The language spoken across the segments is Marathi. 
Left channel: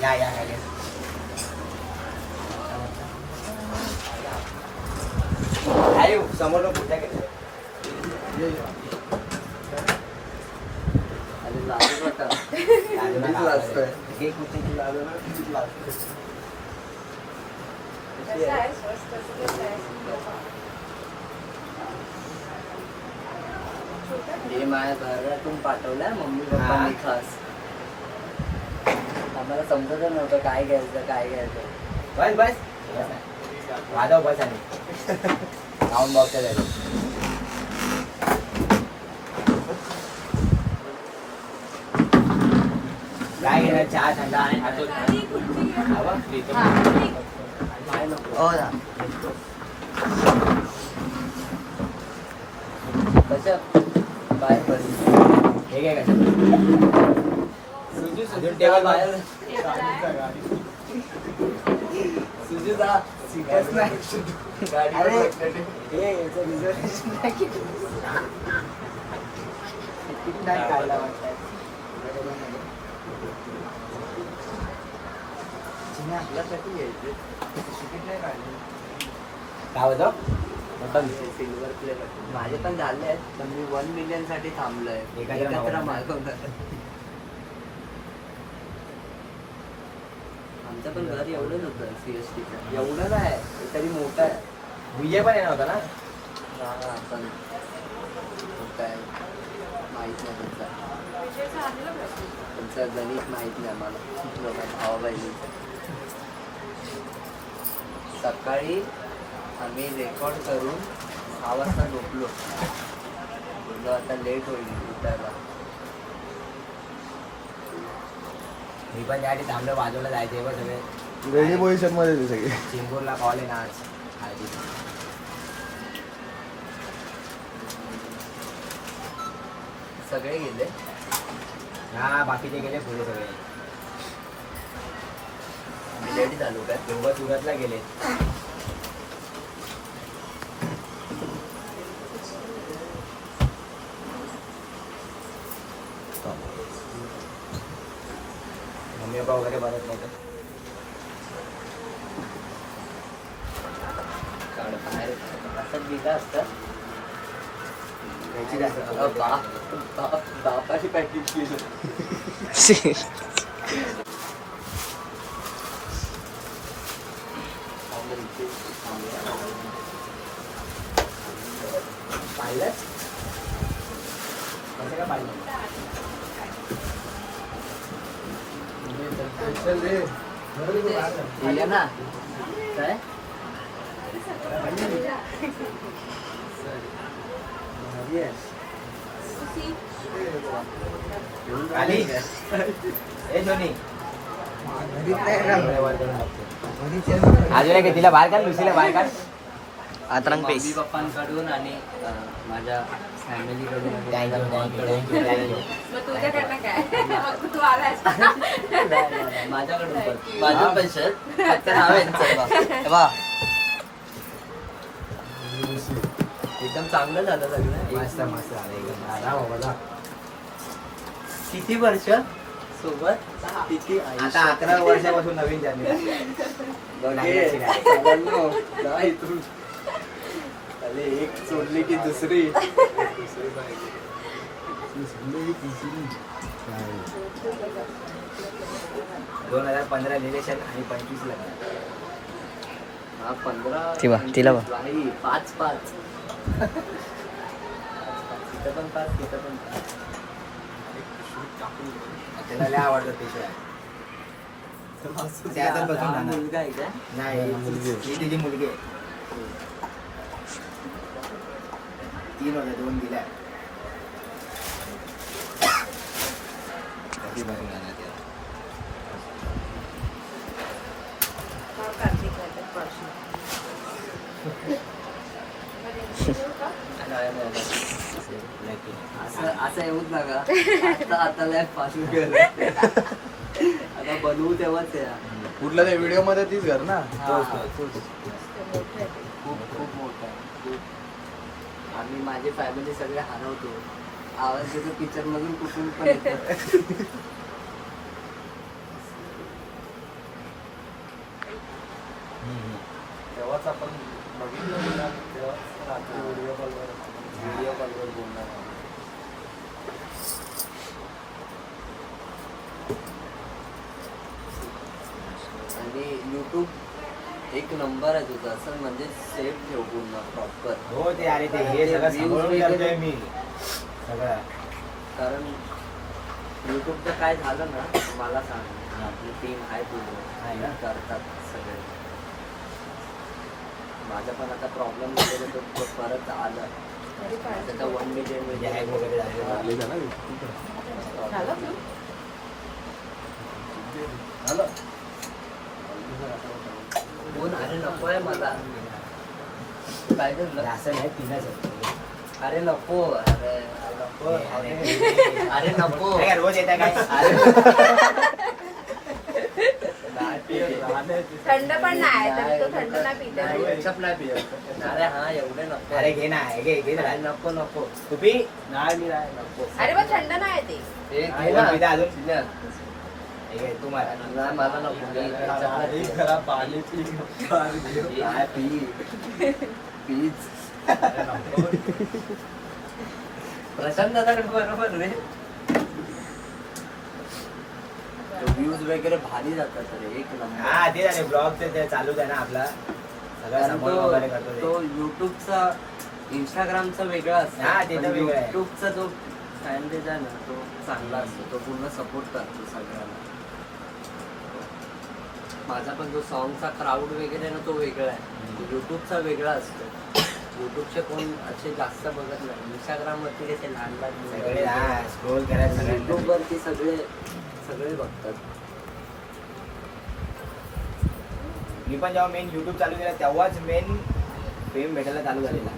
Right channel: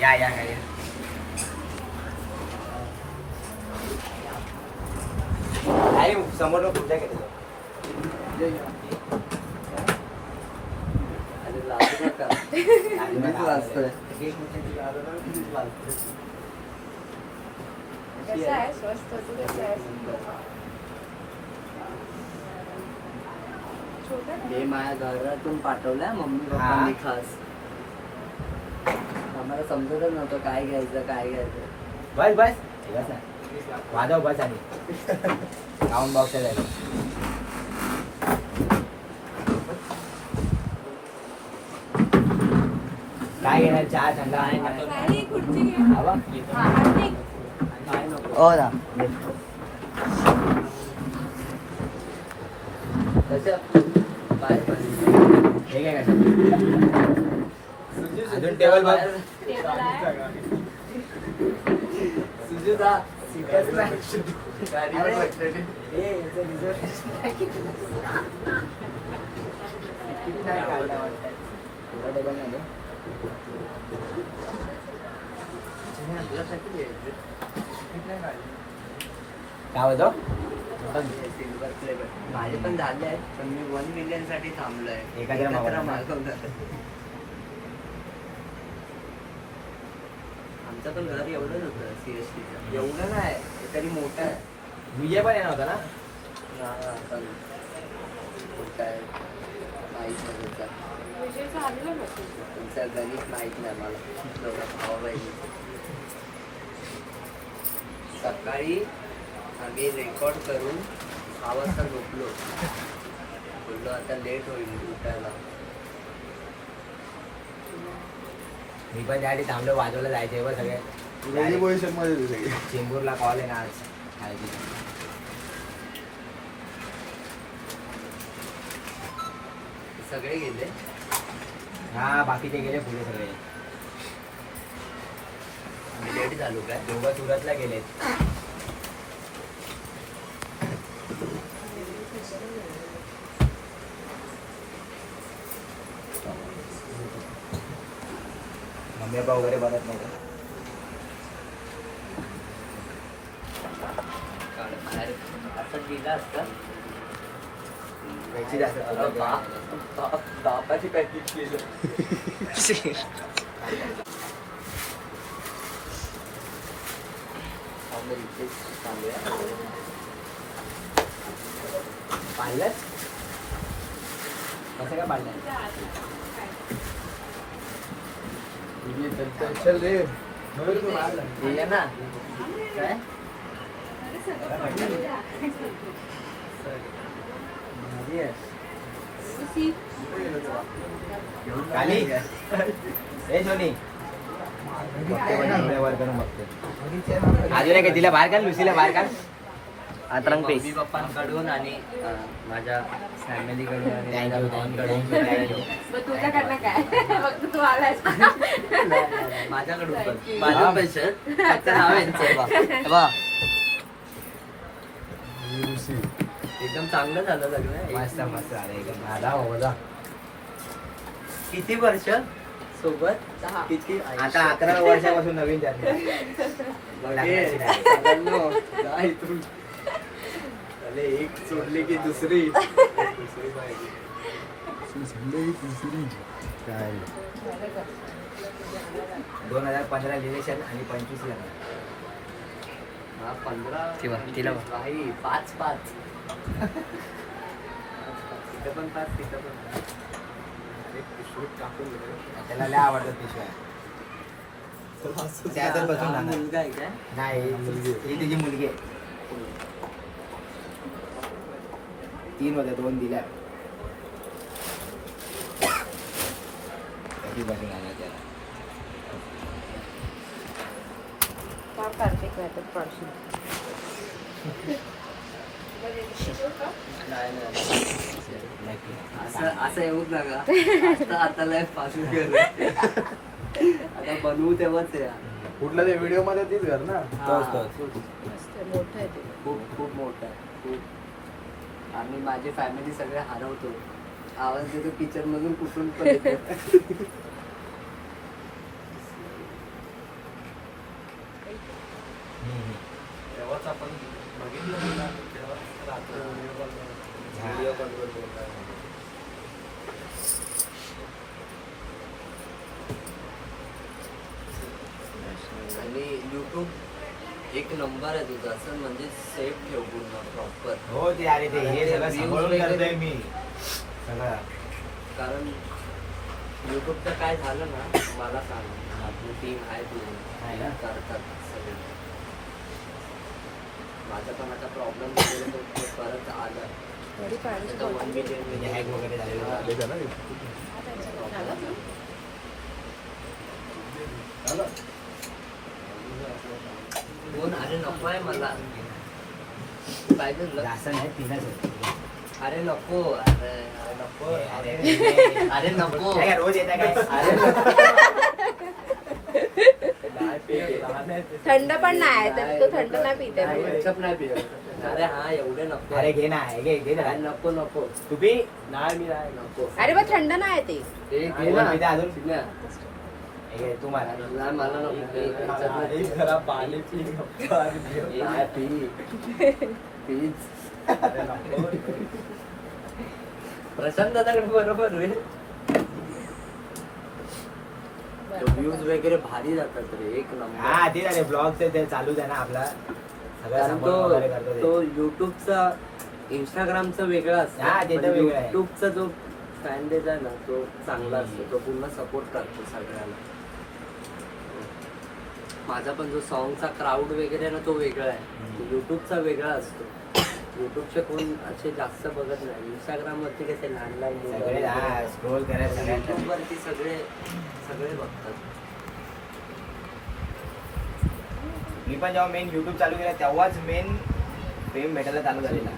या या समोर हे माझ्या घरातून पाठवलंय मम्मी पप्पांनी खास. आम्हाला समजत नव्हतं काय घ्यायचं काय घ्यायचं. बस बस वाजव बस आणि साऊंड बॉक्स काय घेणार चहा थंडा आहे हवा काय नको हो ना कसं बाहेर पडली हे काय कसं सुजू टेबल बाहेर सुजू जा सीटच नाही गाडीवर सिल्वर फ्लेवर माझे पण झाले आहेत पण मी 1 मिलियन साठी थांबलोय. एकत्र मागवणार. आमचं पण घर एवढंच होतं सीएसटीचं. एवढं नाही तरी मोठं आहे. विजय पण येणार होता ना. पण काय माहित नाही तुमचं गणित माहित नाही मला. भाऊ सकाळी आम्ही रेकॉर्ड करून 6 वाजता झोपलो. बोललो आता लेट होईल उठायला. मी पण त्यासाठी थांबलो बाजूला जायचे बघ सगळे वेगळी पोझिशन मध्ये सगळी. चेंबूरला कॉल आहे ना आज हळदी. सगळे गेले. हा बाकीचे गेले पुढे सगळे. लेट झालो काय. दोघं सुरतला गेलेत. मम्मी पप्पा वगैरे बनत नव्हते. बाहेर असं गेलं असतं. यायची जास्त बापाची पॅकेज केलं. पाहिलं काय पाहिलं ना काय आली ए सोनी अजून काय तिला बाहेर काढ लुसीला बाहेर काढ. आतरंग पेस मम्मी पप्पांकडून आणि माझ्या फॅमिलीकडून आणि माझ्या माझ्याकडून पण माझं पैसे नाव यांचं एकदम चांगलं झालं सगळं. मस्त मस्त झालं. किती वर्ष सोबत किती आता 11 वर्षापासून नवीन त्यांनी एक सोडली की दुसरी. 2015 इलेक्शन आणि 25 ला 15 तिला 5-5 तिथं पण 5 तिथं पण 5. त्याला लय आवडतं पिशव्या. त्यातच बसून राहणार. मुलगा आहे का. नाही ही तिची मुलगी आहे. 3 होत्या 2 दिल्या. कशी बसून राहणार त्याला. असं येऊच नका. आता लाईफ पासून गेलं. आता बनवू तेव्हाच कुठल्या त्या व्हिडिओ मध्ये तीच घर ना. खूप खूप मोठा खूप. आम्ही माझी फॅमिली सगळे हरवतो. आवाज येतो किचन मधून कुठून पण येतो. तेव्हाच आपण बघितलं ना, तेव्हाच रात्री व्हिडिओ कॉलवर बोलणार. आणि यूट्यूब एक नंबर आहे तुझा, असं म्हणजे सेफ ठेव पूर्ण प्रॉपर. हो ते अरे ते हे सगळं सांभाळून करतोय मी सगळं. कारण यूट्यूबचं काय झालं ना, मला सांग, आपली टीम आहे आहे ना? पूर्ण करतात सगळे. माझा पण आता प्रॉब्लेम झालेला, तो परत आला. आता 1 मिलियन म्हणजे हॅक वगैरे झालेलं. फोन अरे नको आहे मला. काय झालं? असं नाही पिण्याचं. अरे नको, अरे नको, अरे नको. काय रोज येता काय? थंड पण नाही तर तो थंड नाही पित आहे. ketchup नाही पित. अरे हा एवढे नको. अरे घे ना, घे घे अरे ना. नको नको. तू पी. नाही मी नाही नको. अरे मग थंड नाही ते. हे आहे घे ना, ना. पिता अजून? नाही, हे घे, तू मार. मला नको. मी ketchup नाही पित. नाही, पी. पीच. प्रशांत दादा बरोबर रे. व्ह्यूज वगैरे भारी जातात रे, एक नंबर. हा ते झाले ब्लॉग ते चालूच आहे ना आपला सगळं कारण सांभाळून वगैरे करतो ते. तो युट्यूबचा इंस्टाग्रामचा वेगळा असतो. हा, ते तर पण वेगळं आहे. युट्यूबचा जो फॅन बेज आहे ना, तो चांगला असतो. तो पूर्ण सपोर्ट करतो सगळ्यांना. माझा पण जो सॉंगचा क्राऊड वगैरे आहे ना, तो वेगळा आहे. युट्यूबचा वेगळा असतो. युट्यूबचे कोण असे जास्त बघत नाही. इंस्टाग्राम वरती कसे लहान लहान सगळे हा स्क्रोल करायचं सगळ्यांना. युट्यूब वरती सगळे सगळे बघतात. मी पण जेव्हा मेन युट्यूब चालू केला तेव्हाच मेन फेम भेटायला चालू झालेला.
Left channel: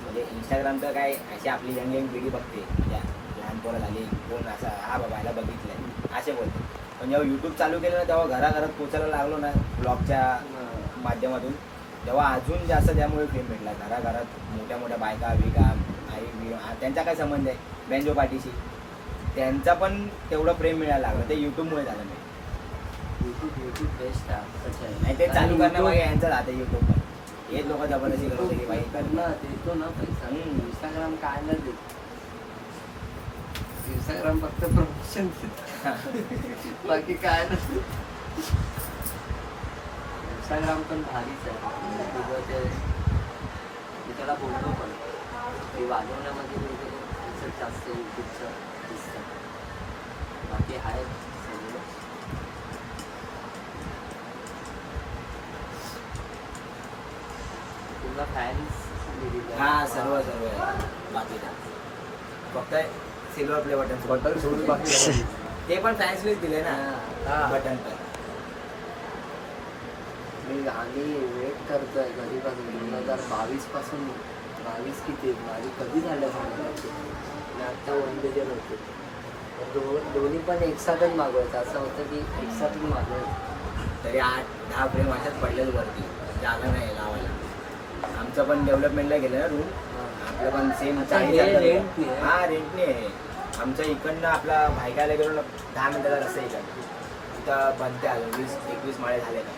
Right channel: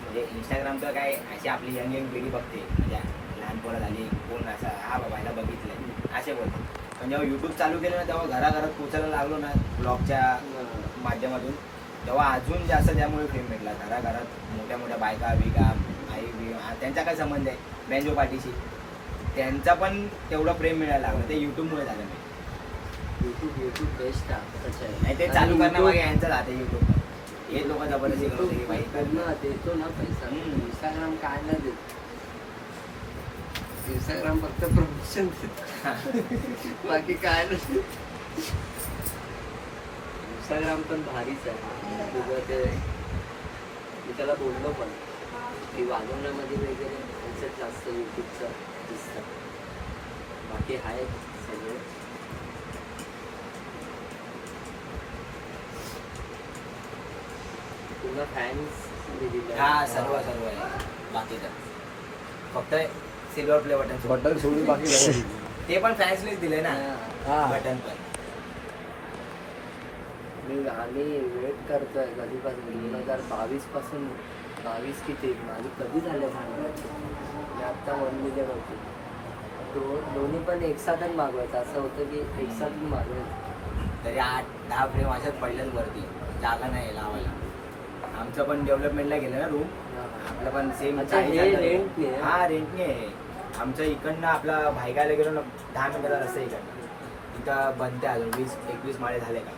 म्हणजे इंस्टाग्राम तर काय अशी आपली यंग यंग पिढी बघते, म्हणजे लहान पोरं झाली, कोण असा हा बाबा ह्याला बघितलंय असे बोलते. पण जेव्हा युट्यूब चालू केलं ना, तेव्हा घराघरात पोचायला लागलो ना ब्लॉगच्या माध्यमातून, तेव्हा अजून जास्त त्यामुळे फेम भेटला. घराघरात मोठ्या मोठ्या बायका बिका आई बी त्यांचा काय संबंध आहे बँजो पार्टीशी, त्यांचा पण तेवढं प्रेम मिळायला लागलं. ते युट्यूबमुळे झालं नाही. युट्यूब बेस्ट आहे. नाही ते चालू करण्यामागे यांचं राहते युट्यूब पण. हे लोक जबरदस्ती करतो की बाई त्यांना देतो ना पैसा. इंस्टाग्राम काय नाही देत. इंस्टाग्राम फक्त प्रमोशन बाकी काय नाही. इंस्टाग्राम पण भारीच आहे. तुझं ते मी त्याला बोललो पण की वाजवण्यामध्ये वगैरे त्याचं जास्त युट्यूबचं दिसतं. बाकी आहे सगळे. तुला फॅन्स हा सर्व सर्व आहे. बाकी तर फक्त सिल्वर प्ले बटन बटन सोडून बाकी ते पण फॅन्स लिस्ट दिले ना हा. बटन पण. आम्ही वेट करतोय कधीपासून 2022 पासून. 22 किती माझी कधी झालं सांगितलं. आणि आता 1 मिलियन होते. दोन्ही पण एकसाथच मागवायचं. असं होतं की एकसाथच मागवायचं. तरी 8-10 फ्रेम अशाच पडल्याच वरती, जागा नाही लावायला. आमचं पण डेव्हलपमेंटला गेलं ना रूम, आपलं पण सेम अच्छा, हे रेंटने आहे? हा रेंटने आहे. आमचं इकडनं आपला भायकायला गेलो ना 10 मिनिटाचा रस्ता इकडनं. इथं बनते अजून 20-21 माळे झाले का.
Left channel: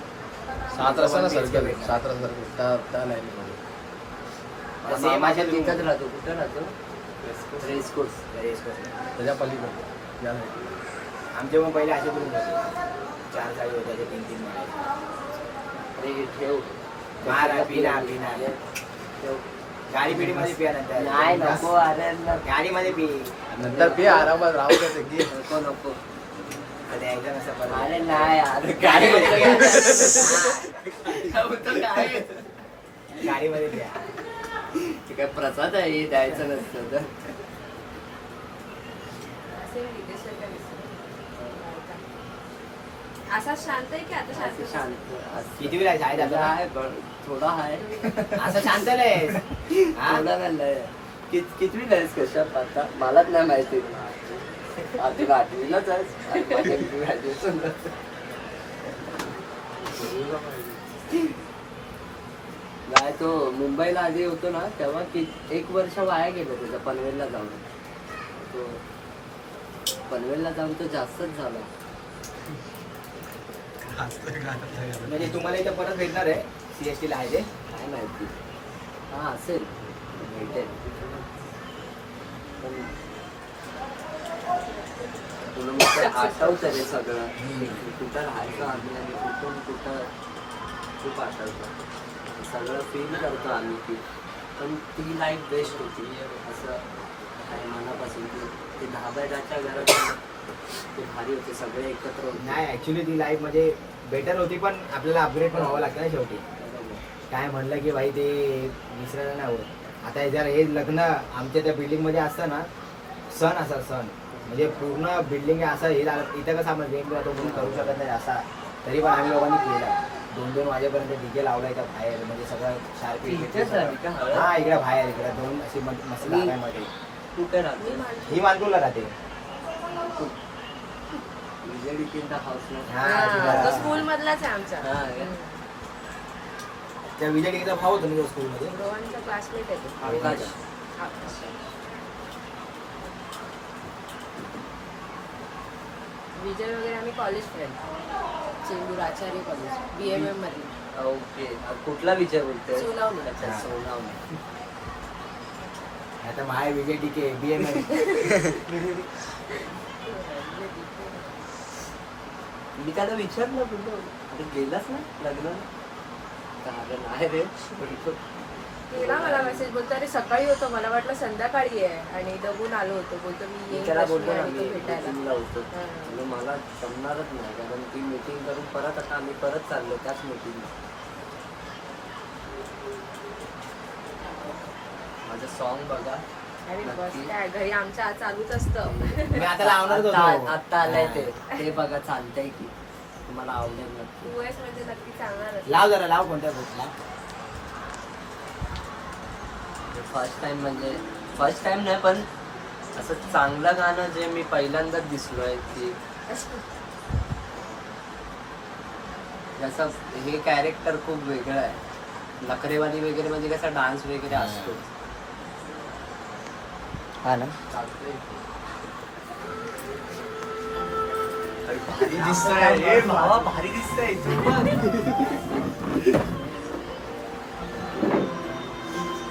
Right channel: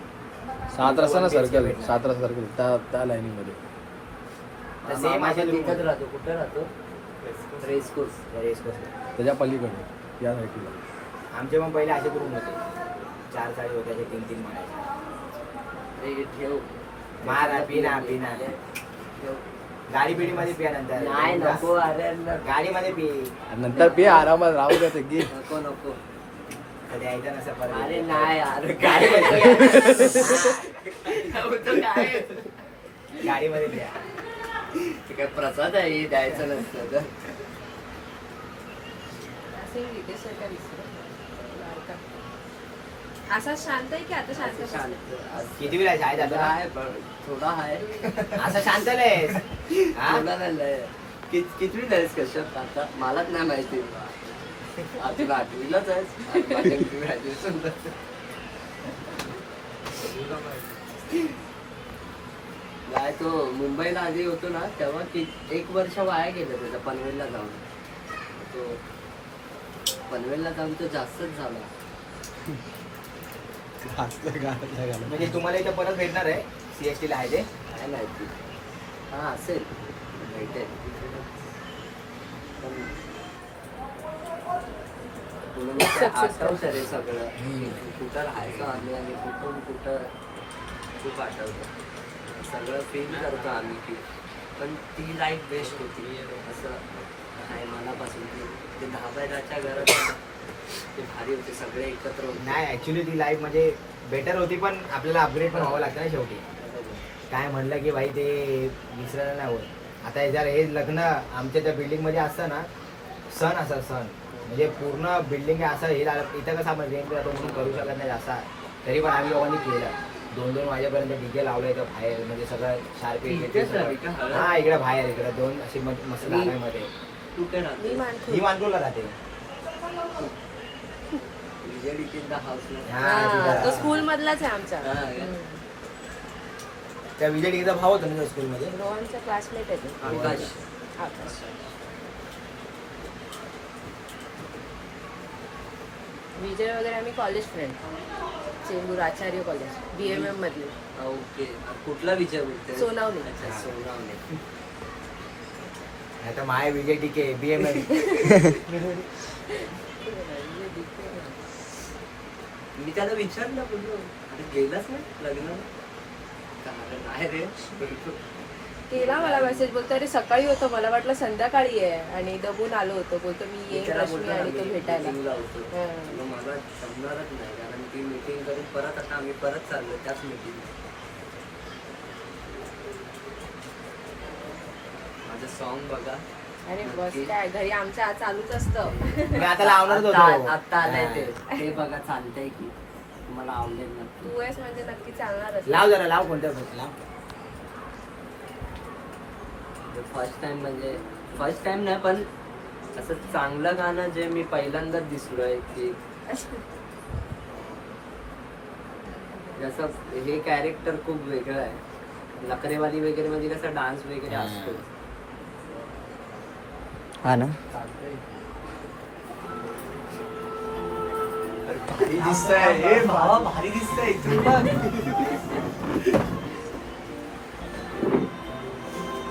7 रस्ता ना भेटणार. सर्कल, 7 रस्ता सर्कल त्या लाईनीमध्ये. सेम मामा अशाच तिथंच room. राहतो. कुठं राहतो? रेसकोर्स. त्याच्या पलीकडे या साईडला. आमचे पण पहिले असे रूम होते, 4 साडी होत्या, 3-3 माळे. अरे ठेव. मारा पिना पिना ठेव. गाडी पिढी मध्ये पिया नंतर. नाही नको. अरे गाडीमध्ये पी. नंतर पे आरामात राहू द्या ते घे. नको नको. कधी यायचं नसेल परत. अरे नाही. अरे काय म्हणतो काय. गाडीमध्ये पिया. ते काय प्रसाद आहे हे द्यायचं नसतं तर. असे रितेश सर काय विसरले. असा शांत आहे की आता शांत असं शांत. किती वेळा शाळेत थोडा आता आहे थोडा आहे. असं शांत आहेस? हा? थोडा नाही. कितवी नाहीस कशात आता मलाच नाही माहिती. तुला आठवीलाच आहेस. माझ्या ग्रॅज्युएशन. काय तो मुंबईला आधी होतो ना तेव्हा 1 वर्ष वाया गेलं त्याचं पनवेलला जाऊन. तो पनवेलला जाऊन तो जास्तच झाला. म्हणजे तुम्हाला इथं परत भेटणार आहे CST ला आहे ते. काय माहिती. हा असेल भेटेल पण तुला मग आठवतं रे सगळं. कुठं राहायचं आम्ही आणि कुठून कुठं खूप आठवतं. सगळं फील करतो आम्ही की पण ती लाईफ बेस्ट होती असं आहे मनापासून. ते 10/10च्या घरात ते भारी होते सगळे एकत्र होते. नाही ऍक्च्युली ती लाईफ म्हणजे बेटर होती पण आपल्याला अपग्रेड पण व्हावं लागतं ना शेवटी. काय म्हणलं की भाई ते विसरायला नाही होत. आता जर हे लग्न आमच्या त्या बिल्डिंगमध्ये असतं ना सण असा सण म्हणजे पूर्ण बिल्डिंग असं हे लागलं. इथं कसं आपण रेंट जातो म्हणून करू शकत नाही असा तरी पण आम्ही लोकांनी केलं. 2-2 वाजेपर्यंत डीजे लावला इथं बाहेर म्हणजे सगळं इथेच झाली का शार्प. हळद? हा इकडे बाहेर इकडे 2 अशी मस्त जागांमध्ये. कुठे राहते ही मानपूरला राहते. विजय द हाऊसला. हा तो तिथं स्कूल मधलाच आहे आमचा. हा त्या विजय डिग्रीचा भाव होता ना स्कूलमध्ये. क्लासमेट आहे तो. आकाश. विजय वगैरे आम्ही कॉलेज फ्रेंड. चेंबूर आचार्य कॉलेज BMM मधले. ओके कुठला विजय बोलते? सोनावणे. अच्छा सोनावणे. आता माय विजय टिके BMM. मी त्याला विचारलं बोललो अरे गेलास ना लग्न कारण आहे रे. केला मला मेसेज बोलतो अरे सकाळी होतो मला वाटलं संध्याकाळी आहे आणि दमून आलो होतो. बोलतो मी मी येईल त्याला बोलतो ना रश्मी मी आणि तू भेटायला. मीटिंगला होतो. हा. तुला मला जमणारच नाही कारण ती मीटिंग करून परत आता आम्ही परत चाललो त्याच मीटिंग. माझं सॉन्ग बघा आणि बस काय घरी आमच्या चालूच असतं. मी आता लावणारच होतो. आता आलंय ते बघा चालतंय की तुम्हाला आवडेल नक्की. US मध्ये नक्की चालणारच. लाव जरा लाव कोणत्या ग्रुपला. फर्स्ट टाइम म्हणजे फर्स्ट टाइम नाही पण असं चांगलं गाणं जे मी पहिल्यांदाच दिसलोय की जसं हे कॅरेक्टर खूप वेगळं आहे. नखरेवाली वगैरे म्हणजे कसा डान्स वगैरे असतो. चालतंय. भारी दिसतंय. ए भावा भारी दिसतंय.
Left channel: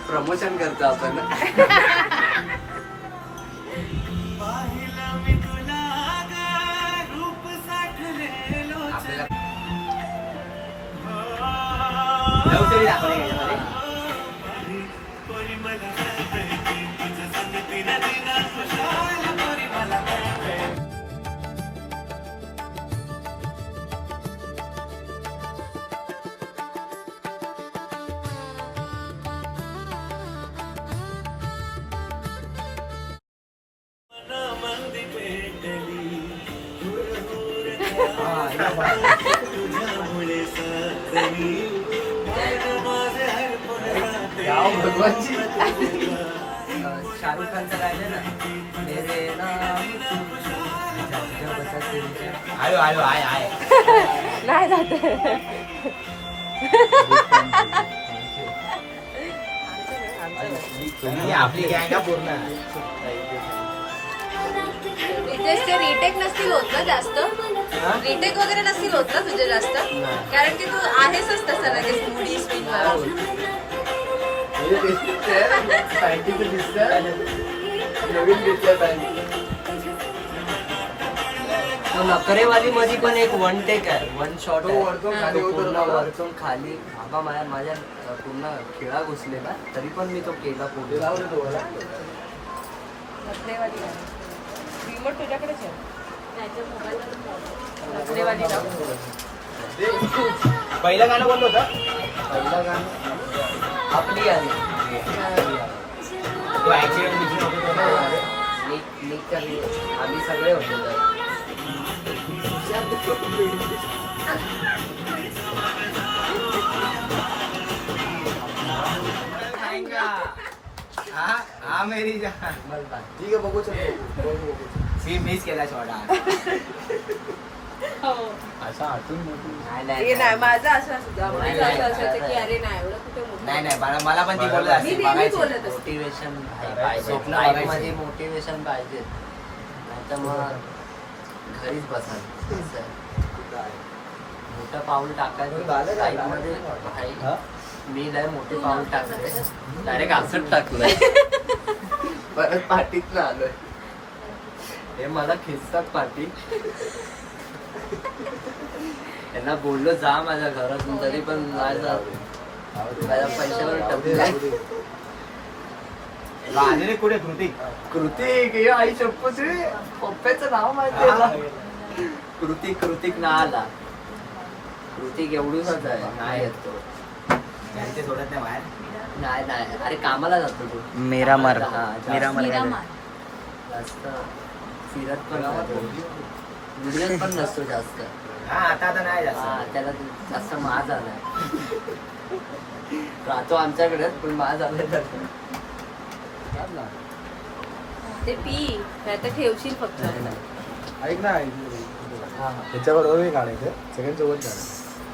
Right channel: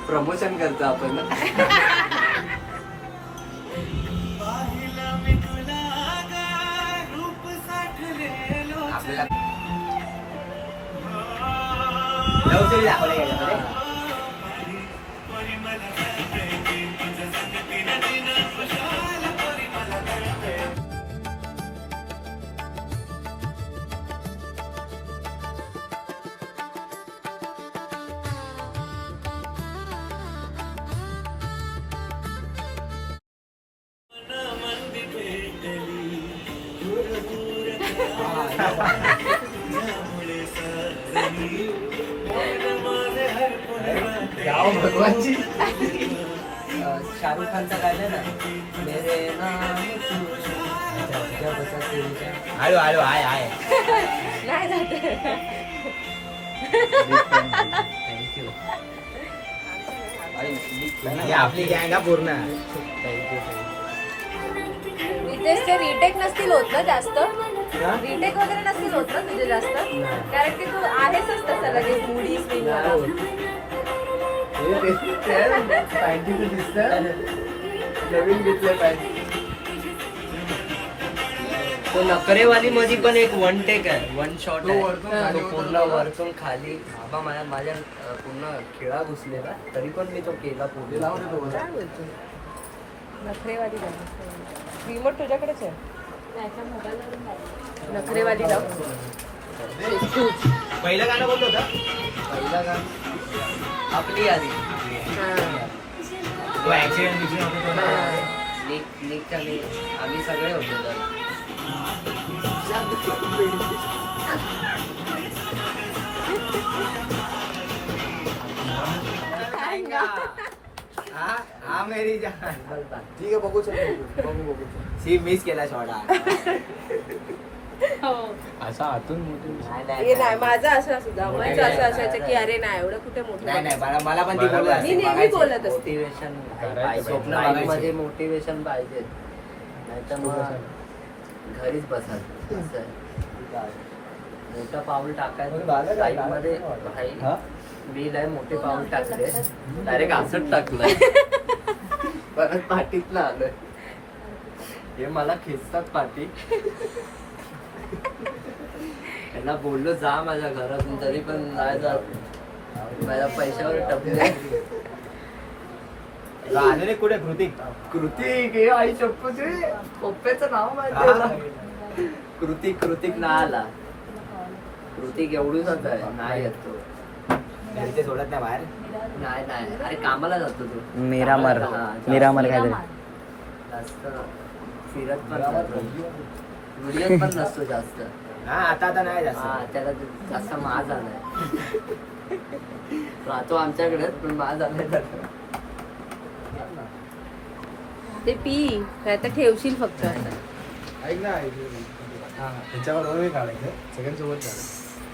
प्रमोशन करतो आपण. आपल्याला लव स्टोरी दाखवली याच्यामध्ये. गाव भगवानची. शाहरुख खानचं गायलं ना मेरे नाम हळू हळू आहे आहे. नाही जात. ही आपली गँग आहे पूर्ण. रितेशचे रिटेक नसतील होत ना जास्त. रिटेक वगैरे नसतील होत ना तुझे जास्त कारण की तू आहेसच तसं लगेच मुडी स्विंग मला. सायंटिस्ट दिसतं नवीन घेतलं काय. तो नकरेवाली मध्ये पण एक वन टेक आहे. वन शॉट तो वरतून खाली पूर्ण उतरला. वरतून खाली बाबा माझ्या पूर्ण खेळा घुसलेला तरी पण मी तो केला ते पूर्ण. लावून येतो वर. नखरेवाली गाणं. रिमोट तुझ्याकडेच आहे. नखरेवाली गाणं. पहिलं गाणं कोणतं होतं. पहिला गाणं आपली गाणी तो ऍक्सिडेंट होतो तो ना. निकच्या आम्ही सगळे होतो त्यात. हा मेरी जान. ठीक आहे बघू शकतो. बघू सी मिस केला शॉट. हे नाही माझं असं सुद्धा माझं असं असायचं की अरे नाही एवढं कुठे मोठं नाही नाही मला पण ती बोलत मी असते नेहमी बघायचं. बोलत असते मोटिवेशन पाहिजे स्वप्न लाईफ बघायचे. मध्ये मोटिवेशन पाहिजे नाहीतर मग घरीच बसायचं असं आहे. मोठं पाऊल टाकायचं लाईफ मध्ये भाई, मी नाही मोठे पाऊल टाकले डायरेक्ट असंच टाकलंय परत पाठीत ना आलोय हे मला खेचतात पाठी त्यांना बोललो जा माझ्या घरातून तरी पण नाही जात माझ्या पैशावर टपले आले रे कुठे कृतिक कृतिक हे आई शप्पूच रे पप्पाचं नाव माहिती आहे मला. कृतिक ना आला कृतिक एवढूच आहे नाही येतो घरी ते सोडत नाही बाहेर. नाही अरे कामाला जातो तो मिरामार हा, जास्त- मिरामार जास्त फिरत पण जातो. व्हिडिओत पण नसतो जास्त हा आता नाही हा, जास्त. त्याला जास्त माज आलाय राहतो आमच्याकडे पण माज आलाय जास्त. ते पी तर ठेवशील फक्त ऐक ना हा, त्याच्याबरोबर काढायचं सेकंड सोबत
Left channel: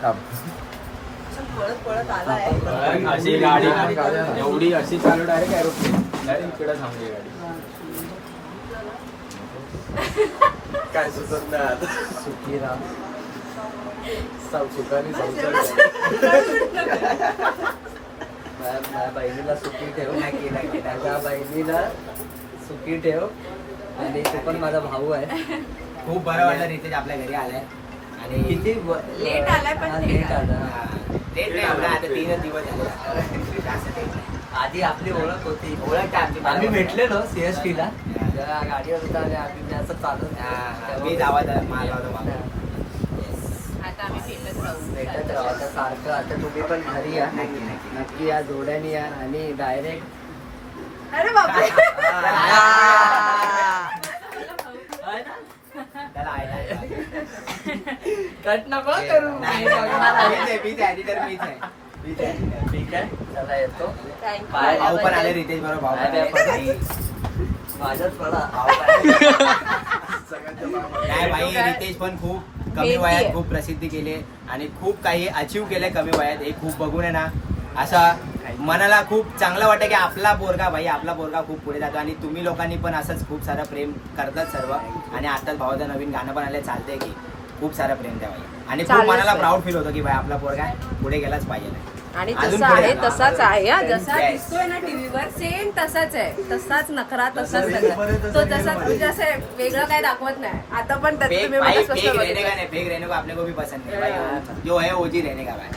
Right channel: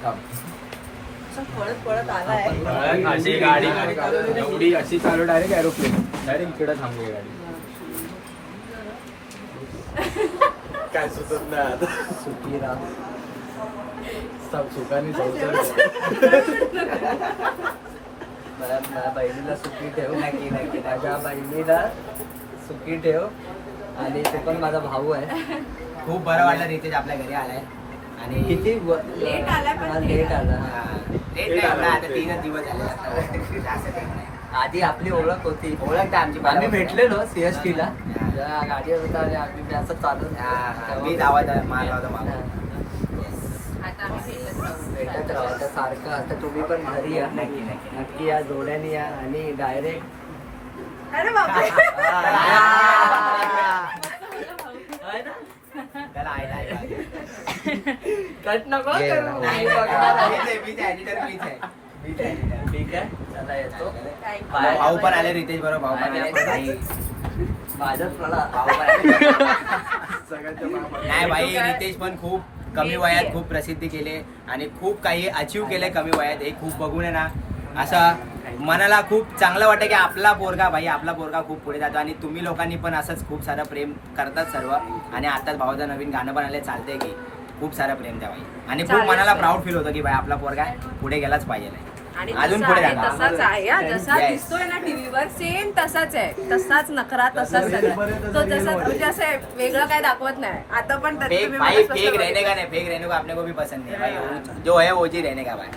असं पळत आलाय अशी गाडी एवढी अशी चालू डायरेक्ट एरोप्लेन डायरेक्ट इकडेच थांबली गाडी काय सुचत सुखी राहा सुखाने माझ्या बहिणीला सुखी ठेव नक्की नक्की माझ्या बहिणीला सुखी ठेव आणि तो पण माझा भाऊ आहे खूप बरं वाटलं रितेश आपल्या घरी आलाय आणि किती लेट आलाय पण लेट ठीक आला हा, लेट नाही एवढा आता 3 दिवस झाले जास्त लेट नाही. आधी आपली ओळख होती ओळख आमची आम्ही भेटलेलो CST ला हा. जेव्हा गाडीवर होता आणि आम्ही असं चालत हा, हा. मी आवाज मारला होता मागून. आता आम्ही भेटत राहू भेटत राहा आता सारखं आता तुम्ही पण घरी या नक्की, नक्की. नक्की या जोड्याने या आणि डायरेक्ट अरे बापरे त्याला आहे. कट नको करू नाही, बघणार आहे. नाही, मीच आहे, editor मीच आहे. मीच आहे, editor. ठीक आहे चला येतो भाऊ पण आले रितेश बरोबर भाऊ पण आले भाई. माझ्यात पडा भाऊ पण आले. नाही भाई रितेश पण खूप कमी मेहनती वयात आहे. खूप प्रसिद्धी केली आणि खूप काही अचीव केले कमी वयात हे खूप बघून आहे ना असा मनाला खूप चांगलं वाटतं की आपला पोरगा भाई आपला पोरगा खूप पुढे जातो आणि तुम्ही लोकांनी पण असंच खूप सारं प्रेम करतात सर्व आणि आताच भावाचं नवीन गाणं पण आलं चालतंय की खूप सारं प्रेम द्या भाई आणि खूप चालेल, मनाला चालेल. प्राऊड फील होतं की भाई आपला पोरगा पुढे गेलाच पाहिजे आणि अजून तसा पुढे आहे जाणार. तसाच आहे हा. जसा Yes. दिसतोय ना टीव्हीवर सेम तसाच आहे तसाच नखरा तसाच सगळं तो तसाच म्हणजे असं वेगळं काय दाखवत नाही आता पण त्यात फेक तुम्ही भाई मला फेक कसं रहने का नहीं फेक रहने को अपने को भी पसंद नहीं भाई जो है वो जी रहने का भाई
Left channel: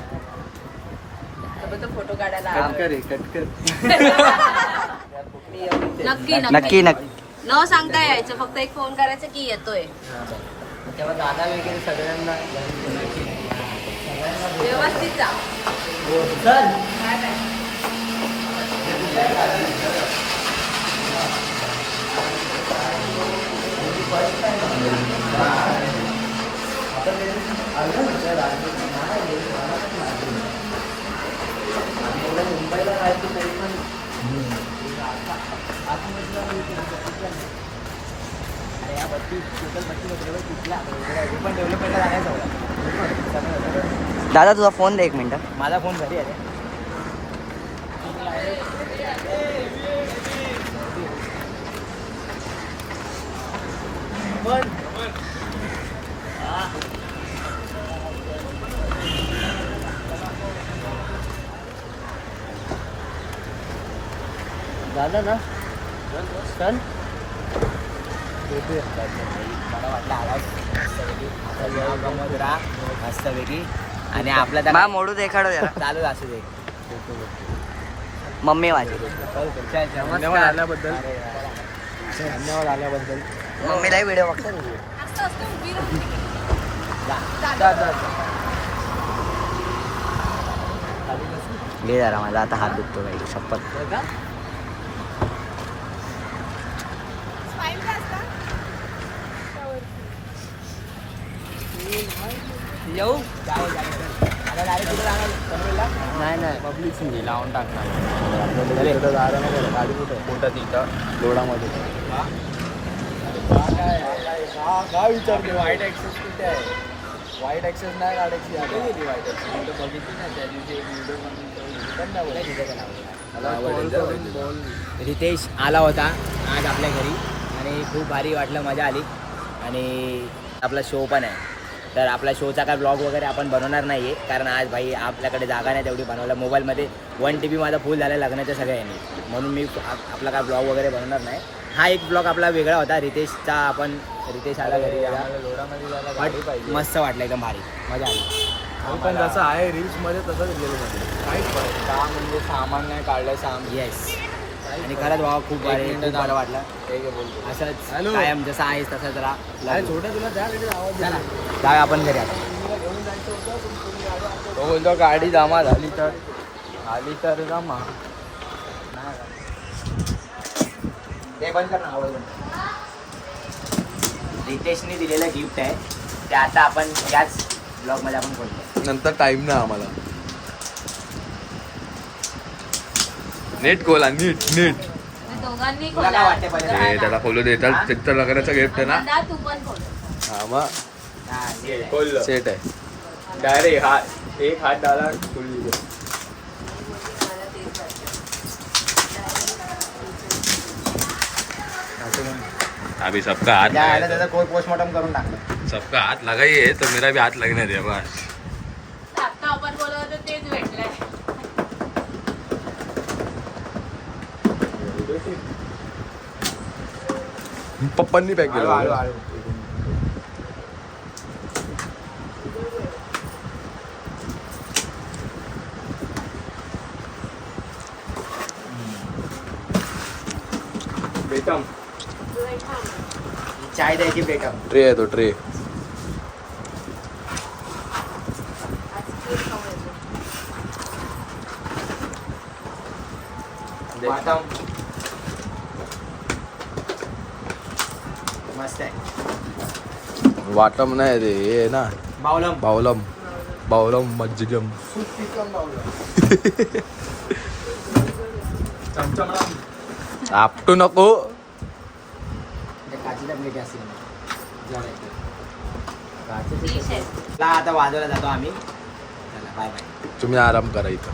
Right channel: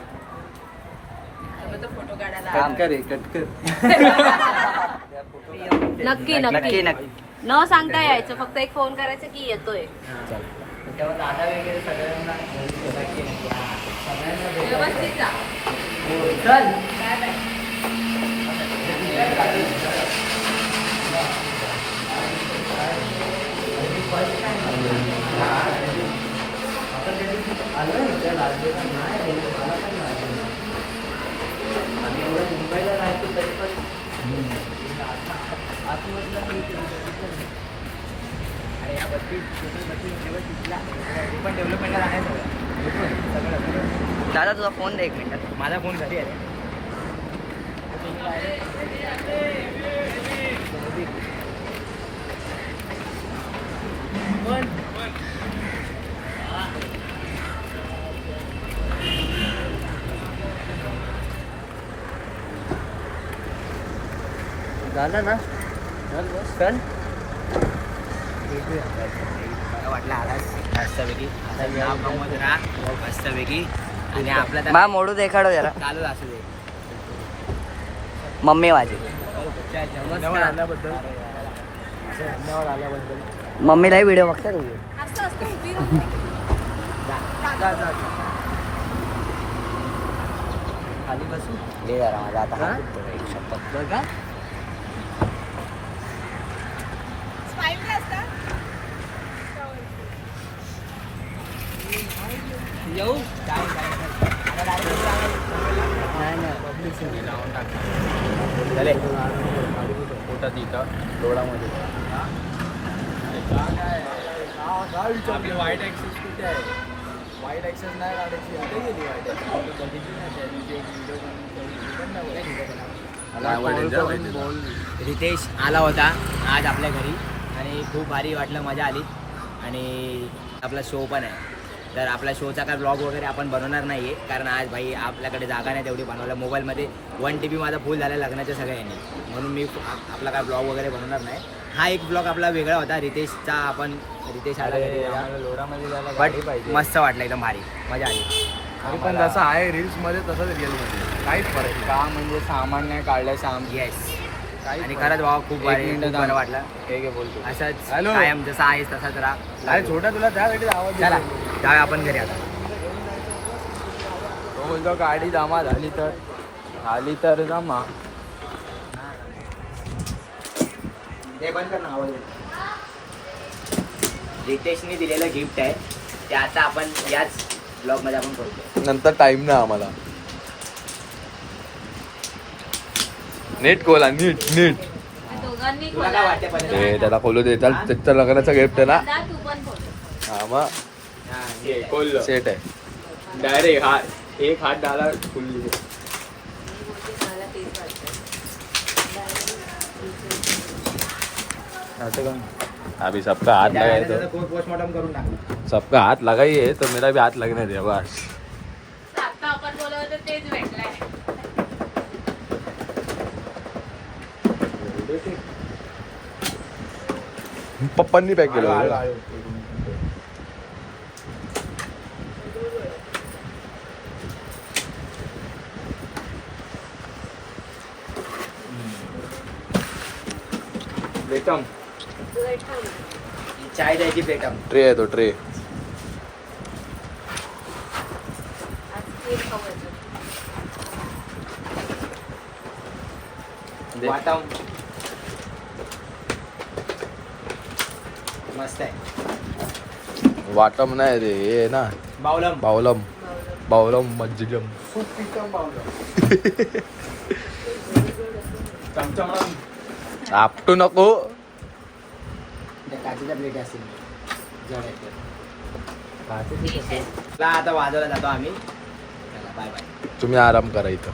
बघितलं, फोटो काढायला कट कर कट कर नक्की नक्की नक्की न सांगता यायचं फक्त एक फोन करायचं की येतोय तेव्हा दादा वगैरे सगळ्यांना सगळ्यांना भेटा. व्यवस्थित जा चल मुंबईला राहायचं तरी पण आतमधला मी अरे या बत्ती टोटल बत्ती तिथल्या हे पण डेव्हलपमेंटला जाणार सगळं दादा तुझा फोन दे एक मिनिट माझा फोन घरी आहे झालं ना चल मला वाटलं आलाच मस्तपैकी आता या गमत राहा मस्तपैकी आणि आपला त्या- मा मोडू देखाडो जरा चालू असू दे मम्मी माझी धन्यवाद आल्याबद्दल मम्मीलाही व्हिडिओ घे जरा माझा आता हात दुखतो काही शपथ येऊ नाही नाही लावून टाकणार कुठं तिथं लोणामध्ये काय विचारले वाईट ऍक्सेस कुठे आहे वाईट ऍक्सेस नाही काढायची आता गेली वाईट ऍक्सेस बघितली ना त्या दिवशी व्हिडिओ पण मला आवडलं. रितेश आला होता आज आपल्या घरी आणि खूप भारी वाटलं, मजा आली. आणि आपला शो पण आहे, तर आपला शोचा काय ब्लॉग वगैरे आपण बनवणार नाही आहे, कारण आज भाई आपल्याकडे जागा नाही तेवढी बनवायला. मोबाईलमध्ये 1 TB माझा फुल झाला लग्नाच्या सगळ्यांनी, म्हणून मी आपला काय ब्लॉग वगैरे बनवणार नाही. हा एक ब्लॉग आपला वेगळा होता रितेशचा. रितेश आला घरी त्याचा, बट मस्त वाटलं, एकदम भारी मजा आली. तरी पण जसं आहे रील्समध्ये तसंच रिअलमध्ये काहीच फरक नाही. काम म्हणजे सामान्य काढलं सामान. येस, आणि खरंच भावा खूप भारी, खूप बरं वाटलं. असंच हॅलो. कायम जसं आहेस तसंच राहा. अरे छोटा तुला त्यासाठी आवाज चला जाऊया आपण घरी आता. तो बोलतो गाडी जमा झाली तर जमा. ते बंद कर ना, आवाज बंद. रितेशने दिलेलं गिफ्ट आहे ते आता आपण याच ब्लॉगमध्ये आपण बोलतो. नंतर टाइम नाही आम्हाला. नीट खोला, नीट नीट. दोघांनी तुला काय वाटतंय खोला. पहिलं? ते त्याला खोलू दे. त्याचं लग्नाचं गिफ्ट आहे ना. दादा, तू पण खोल. हा मग हा, ये. खोललं सेट आहे. डायरेक्ट हात एक हात डाला खुलली. मला तेच वाटतं. अभी सबका हाथ त्या गाडीला लगाए त्याचा कोण पोस्टमॉर्टम करून टाकलं. तो सबका हाथ लगाइए तो मेरा भी हाथ लगने दे बस. आता आपण बोलत होतो तेच भेटलंय. पप्पांनी पॅक केलं हळू, होतं. हळू. बेटम चाय द्यायची बेटम. ट्रे आहे तो ट्रे. आज खीर खावायची. वाटम मस्त आहे. वाटम नाही रे, हे आहे ना बावलम. बावलम. बावलम मज्जिगम. चमचमडम. आपटू नको. त्या काचीच्या प्लेटी असतील Dishes. आता वाजवला जातो आम्ही. Bye bye. तुम्ही आराम करा इथं.